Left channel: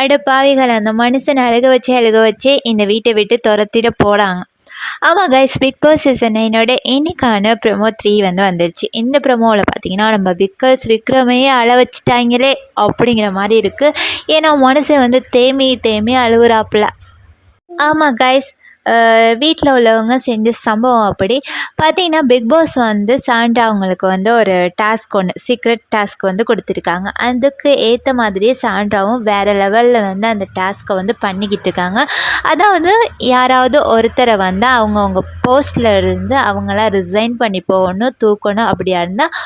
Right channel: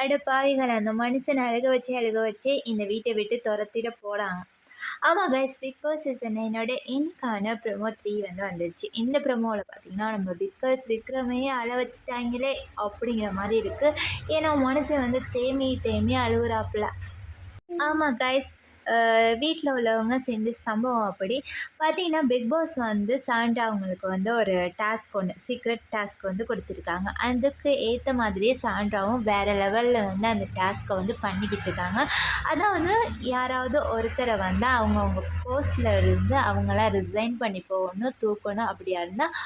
அட பாவிகள், அந்த மனுஷனை அழுக வச்சு இந்த வீட்டை விட்டு துரத்திட போகிறாங்க. ஆமாம் கைஸ், பிக் பாஸ் சீசன் 9 இன்னைக்கான ப்ரொமோ 3 வந்துருச்சு. இந்த ப்ரொமோவில் பார்த்தீங்கன்னா நம்ம விக்ரமையே அழ வச்சுட்டாங்களே அப்படிங்கிற மாதிரி இருக்குது. ஏன்னா மனுஷன் தேமி தேமி அழுகுறாப்புல. ஆமாம் கைஸ், வீட்டில் உள்ளவங்க செஞ்ச சம்பவம் அப்படி பார்த்தீங்கன்னா, பிக் பாஸ் சாண்ட்ரா அவங்களுக்கு ஒரு டாஸ்க், சீக்ரெட் டாஸ்க் கொடுத்துருக்காங்க. அதுக்கு ஏற்ற மாதிரியே சாண்ட்ராவும் வேறு லெவலில் அந்த டாஸ்க்கை பண்ணிக்கிட்டு இருக்காங்க. அதாவது யாராவது ஒருத்தரை அவங்கவுங்க போஸ்டில் இருந்து அவங்களாம் ரிசைன் பண்ணி போகணும், தூக்கணும். அப்படியா இருந்தால்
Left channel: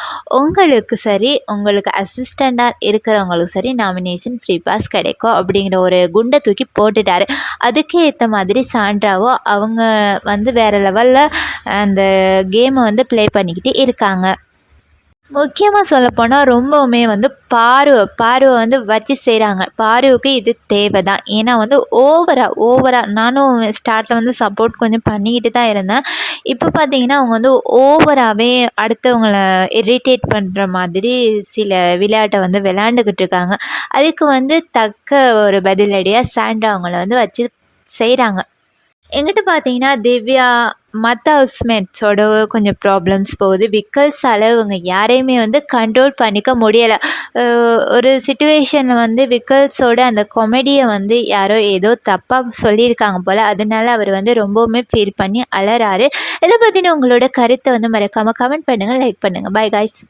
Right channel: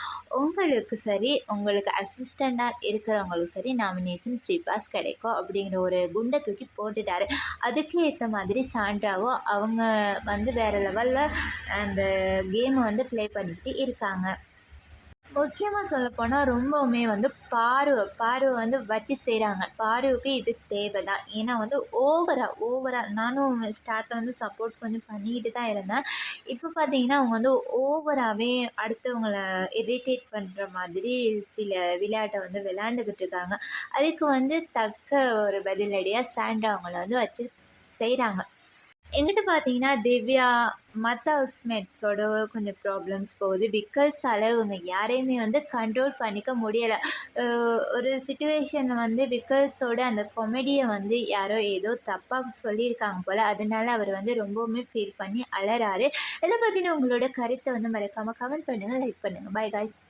உங்களுக்கு சரி, உங்களுக்கு அசிஸ்டண்ட்டாக இருக்கிறவங்களுக்கு சரி நாமினேஷன் ஃப்ரீ பாஸ் கிடைக்கும் அப்படிங்கிற ஒரு குண்டை தூக்கி போட்டுட்டாரு. அதுக்கு ஏற்ற மாதிரி சாண்ட்ராவும் அவங்க வேறு லெவலில் அந்த கேமை ப்ளே பண்ணிக்கிட்டு இருக்காங்க. முக்கியமாக சொல்லப்போனால் ரொம்பவுமே பார்வை வச்சு செய்கிறாங்க. பார்வைக்கு இது தேவை தான். ஏன்னா ஓவராக நானும் ஸ்டார்ட்டில் சப்போர்ட் கொஞ்சம் பண்ணிக்கிட்டு தான் இருந்தேன். இப்போ பார்த்தீங்கன்னா அவங்க ஓவராகவே அடுத்தவங்கள இரிட்டேட் பண்ணுற மாதிரி சில விளையாட்டை விளையாண்டுக்கிட்டு இருக்காங்க. அதுக்கு தக்க ஒரு பதிலடியாக சாண்ட்ரா அவங்கள வச்சு செய்கிறாங்க. எங்கிட்ட பார்த்தீங்கன்னா திவ்யா மற்ற ஹவுஸ்மேட்ஸோட கொஞ்சம் ப்ராப்ளம்ஸ் போகுது. விக்கல்ஸால் இவங்க யாரையுமே கண்ட்ரோல் பண்ணிக்க முடியலை. ஒரு சிச்சுவேஷனில் விக்கல்ஸோட அந்த காமெடியை யாரோ ஏதோ தப்பாக சொல்லியிருக்காங்க போல். அதனால அவர் ரொம்பவுமே ஃபீல் பண்ணி அலறாரு. இதை பற்றின உங்களோட கருத்தை மறக்காமல் கமெண்ட் பண்ணுங்கள், லைக் பண்ணுங்கள். By guys.